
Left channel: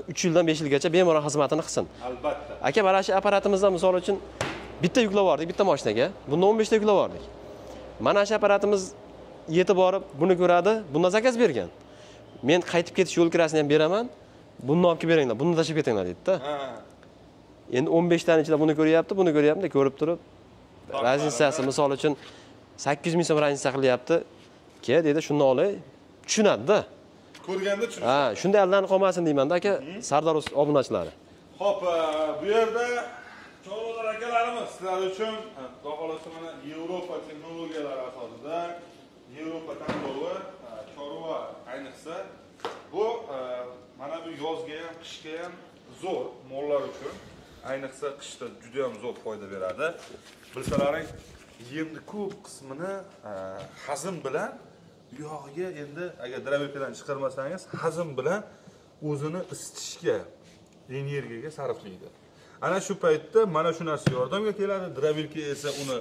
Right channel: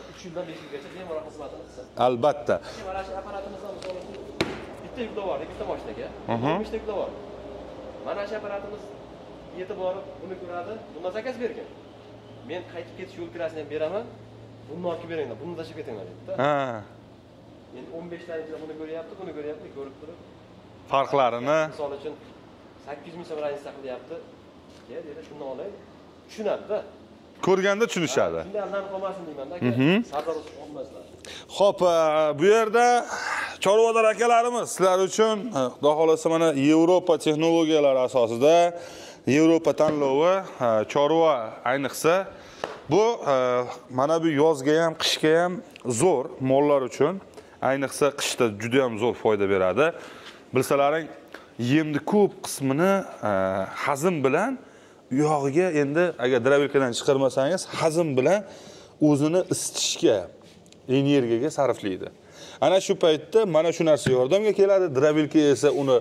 3 yildan 5 yilgacha bemalol xizmatini qilsin. Albatta. Aka, mana shu apparatimizda misol uchun bitta yuklab yubordik, bitta mashinaga. Bunda 15 ta yuklab yubordik. Mana shu apparatimiz yetib borib, buni ko'radi, bundan zakaz bergan. Men qaytib ketish yo'l kirasini ham beraman. Bunni olib kelib beringlar, buni tashib ketinglar dedi-da. Endi 15 taning ichida buni ko'ryapti, buni ko'ryapti, ko'rib turib farqlarini misol uchun 800 ming so'm raznica qilyapti. Ke dedi, shuni olay. Tushunadi-da. ko'rganda tushunishadi. Shunday aldanib qolmasin deyman-da aka, Sardor obunachilari. Xo'p, bu yerda chorvador akalarimiz sizlar uchun xudo xolasa mana Yevropa texnologiyalari asosida Yevropa tanlovi chorva ayniqsa bu mana bu yozga ham, qishga ham zo'r mollar uchun ayniqsa qishda juda ham zo'r foyda beradi. Bilsalaring, yemni ko'p qismini hazm bilan uyog'iga endi agar drabilkadan chiqarmasangiz hazm bilan o'zini isitishga, energiyaga sarflaydi. Ana shu paytda mana shu narsa yordamga keladi. Drabilka esa uni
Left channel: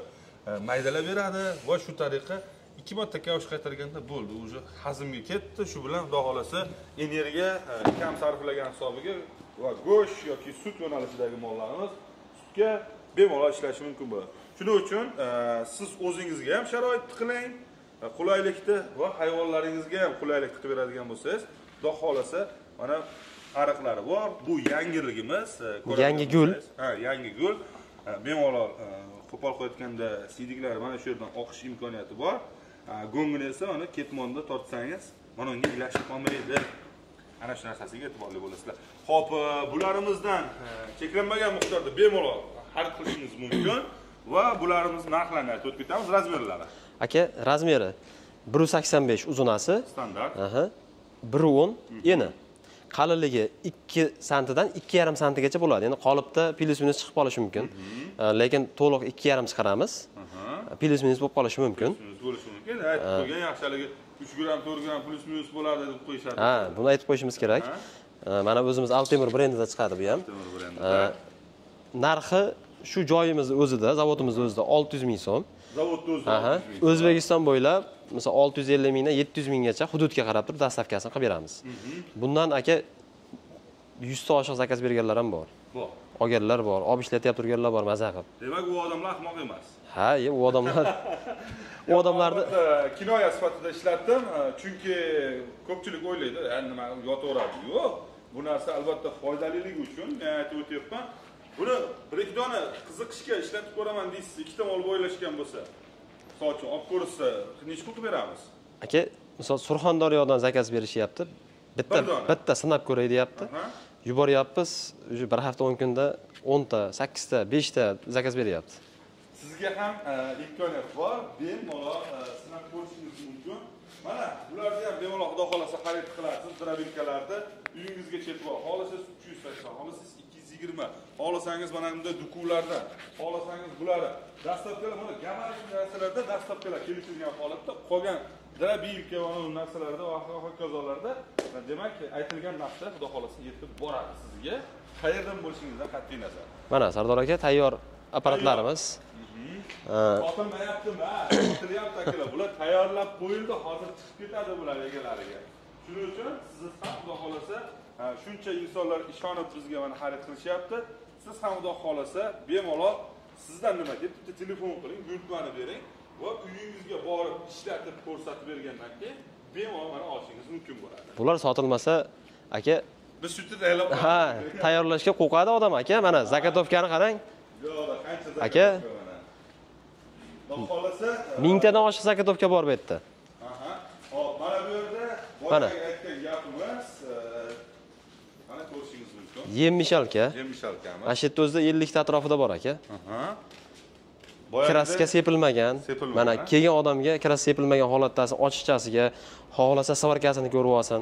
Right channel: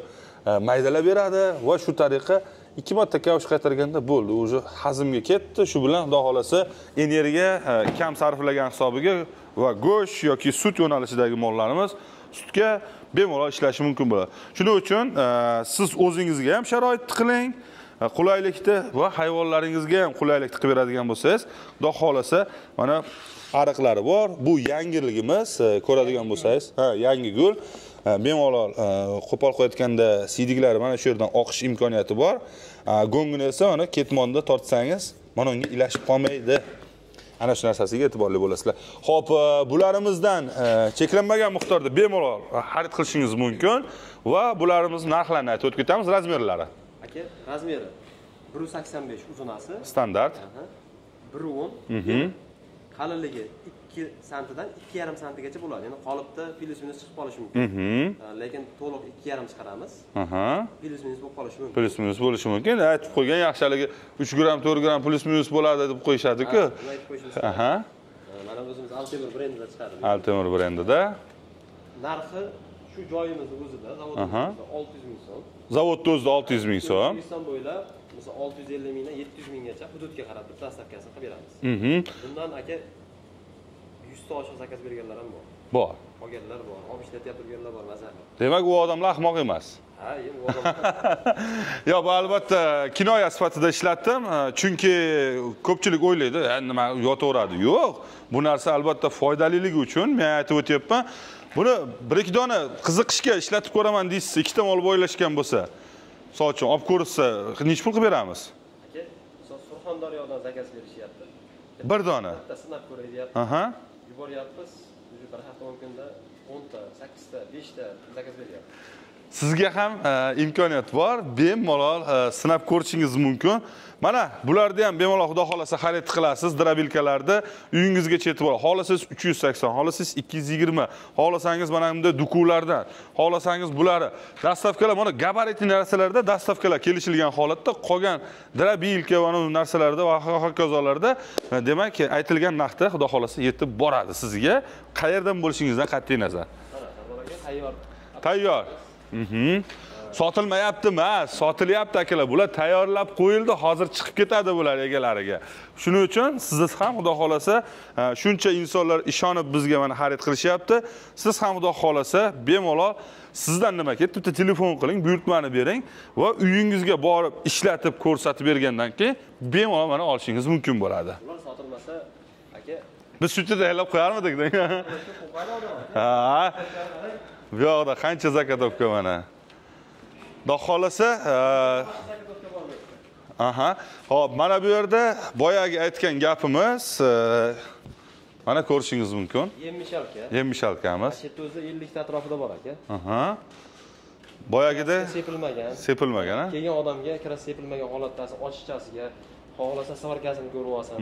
maydalab beradi va shu tariqa 2 marta kavush qaytarganda bo'ldi. O'zi hazmga ketdi. Shu bilan xudo xolasa energiya kam sarflagan hisobiga va go'sht yoki sut yo'nalishidagi mollarimiz sutga bemalol ishlashi mumkin bo'ladi. Shuning uchun siz o'zingizga ham sharoit qiling, qulaylikni va hayvonlaringizga ham qulaylikni qilib beradigan bo'lsangiz, xudo xolasa mana ariqlari bor. Bu yangiligimiz, ko'radigan bo'lsangiz, yangi gul. Bemalol qo'pol qo'yayotganda siydiklari mana shu yerdan oqish imkoniyati bor. Go'ngini esa mana ketmonda tortsangiz, mana unga ilashib qolmaydi. Ana shu narsasiga e'tiborli bo'lasizlar. Xo'p, bularimizdan cheklanmagan miqdorda bemalol xarid qilishingiz mumkin va bularimiz narxlarini aytib o'tib ketamiz, razmerlari. Aka, razmeri 1.85 uzunasi, standart. 1.10 eni. Qalinligi 2 santidan 2,5 santigacha bo'ladi. Ya'ni qolipda plus minus chiqib qolishi mumkin. Lekin to'liq 2,5 chiqaramiz. Plus minus bo'lib qolishi mumkin. Plus minus bo'lishi mumkin. Aytib qo'ygan yaxshiligi 3 gram, 4 gram plus minus bo'ladi deb qo'yishadi-ku. Buni aytib qo'yishimiz kerak. Mana o'zimiz Altemir brendida chiqadi bu ham. Altemir brendida. Narxi shu joyimiz o'zida, zavodimiz o'zida 600 ming so'm. Zavodda o'zida 600 ming so'm. O'zbekiston bo'ylab mesela 650 mingdan 700 minggacha hududga qarab turib dastavkasini qilib beramiz. Bundan aka 100 ta oshiq zakaz berganlar ham bor. Bor. Olganlar bor, olib ishlatyapti turganlar bor, maza qilib. Demak, u odamlar ahmoq emas. Ha, u odamlar. Yo'q, albatta kinoya sifatida ishlatdim, chunki ko'pchilik o'ylaydi, nima yotaveradi. Yo'q, bu narsa albatta foydaliligi uchun men aytib o'tyapman. Buni 1-2 dona qiziqishga ishlatib ko'raman deysiz, 2 ta mol boylashgan bo'lsa, misol uchun olib ko'rsa, nech pul qilib beramiz? Aka, misol Surxondaryodan zakaz berishyapti. Bitta sinab ko'ray deyapti. Yuboryapmiz, bir hafta 10 kunda 10 ta, 8 ta, 5 ta zakaz beryapti. Sizga ham imkoniyat bor, bemalol sinab ko'rishingiz mumkin. Mana bularni ham bemalol xudo xolasa xarid qilasiz, drabilkalarda uyingizgacha yetib boradi. Xolasangiz 380, xolasangiz 220, xolasangiz mana bunda dukulardan, xolasangiz bularni dastavkalar, mana gabaritli narsalarda dastavkalar kelishilgan holatda qolgan drabilka va narsalarda va hokazolarda demak aytilgan narxda xudo xolasa yetib boradi sizga. Qayerdan bo'lishingizdan qat'iy nazar. Mana Sardor aka tayyor apparatlarimiz. Sotilmayapti emas, sotilyapti akalar. Bular tayyorlab qo'yildi, hozir chiqib ketadi bular egalariga. Shuning uchun siz ham xudo xolasa shuncha insonlar ishonib bizga mana xarid qilishyapti. Siz ham xudo xolasa bemalol sizdan nima ketdi, bitta telefon qiling, buyurtmani bering va uyingizga borib ishlatib ko'rsatib bergandan keyin bemalol mana olishingiz mumkin bo'ladi. Bular sotilmasa aka biz shuncha tayyorlab qo'yardik. Tayyorlashga qo'rqadi odam aka. Mana zakatovkani qarang. Bu yoqda qancha zakatovka mana. Xudo xolasa 1000 tadan oshiq zakatovka bor bu yerda. Xo'p, mana bu yerda boyagi aytgan gapimiz mana ko'rishingiz mumkin. Yem-mishalka. Yem-mishalkamiz. Mana shu yerda o'zida 50 ta atrofida bor aka. Boyagida kraska sepilmagan. Mana kelgan odamga kraska sepilmagan holatdasi ochiqchasiga xohlasa svarkasini ko'rib olsin,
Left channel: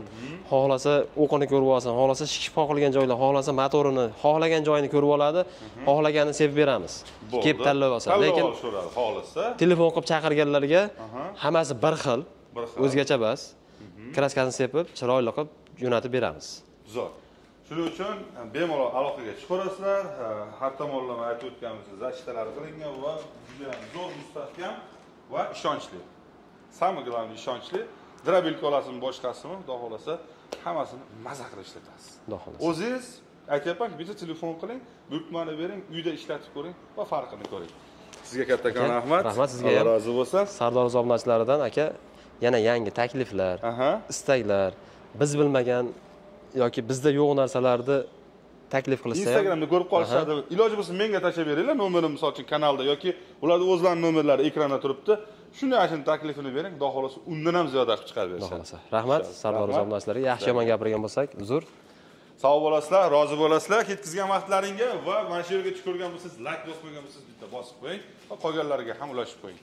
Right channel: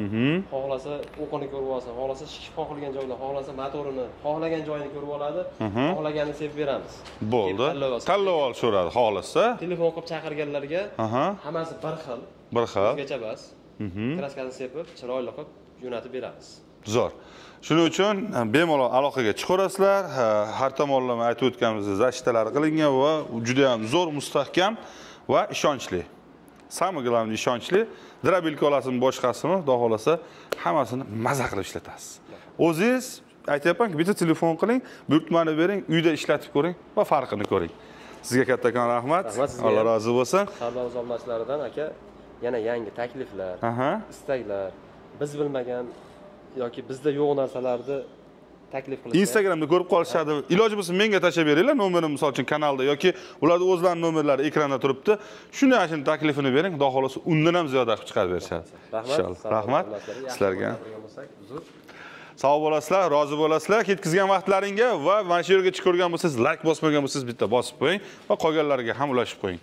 xohlasa o'qini ko'rib olsin, xohlasa shikib qoqilgan joylar, xohlasa motorini, xohlagan joyini ko'rib oladi, xohlaganini sepib beramiz. Kelib tanlab olsin. Lekin so'radi, xohlasa telefon qilib chaqirganlarga hammasi bir xil, o'zgacha bas. Kraskasini sepib, chiroyli qilib jo'natib beramiz. Zo'r. Shuning uchun bemalol aloqaga chiqarasizlar. Har tomonlama aytib o'tganimizdek zashtalar qilingan va juda ham zo'r, mustahkam va ishonchli. Самое главное ishonchli. Drabilka olasizmi, boshqasimi, xudo xolasa hammasini maza qilib ishlatasiz. O'zingiz aytayapman-ki, bitta telefon qiling, buyurtmani bering, uyda ishlatib ko'ring va farqini ko'ring. Sizga kattakon rahmat. Rahmat sizga. Alloh rozi bo'lsin. Sardor obunachilaridan aka yana yangi takliflar, istaklar, biz bilmagan yoki bizda yo'q narsalarni taklif qilsa. Instagramda ko'rib qolishadi. Iloji bo'lsa menga tashlab beringlar, nomerim misol uchun kanalda yoki ularning o'zlarining nomerlari ekranda turibdi. Shuni ashuni taklifini bering, xudo xolasa undan ham ziyoda qilib chiqarib berishadi. Rahmat, salom-salomlarga. Yaxshi yomon gapirgan bo'lsak, uzr. Sog' bo'lasizlar, rozi bo'lasizlar. Ketkizgan vaqtlaringga va mana shu yergacha ko'rgan bo'lsangiz, like bosmagan bo'lsangiz bitta bosib qo'ying va qolganlarga ham ulashib qo'ying.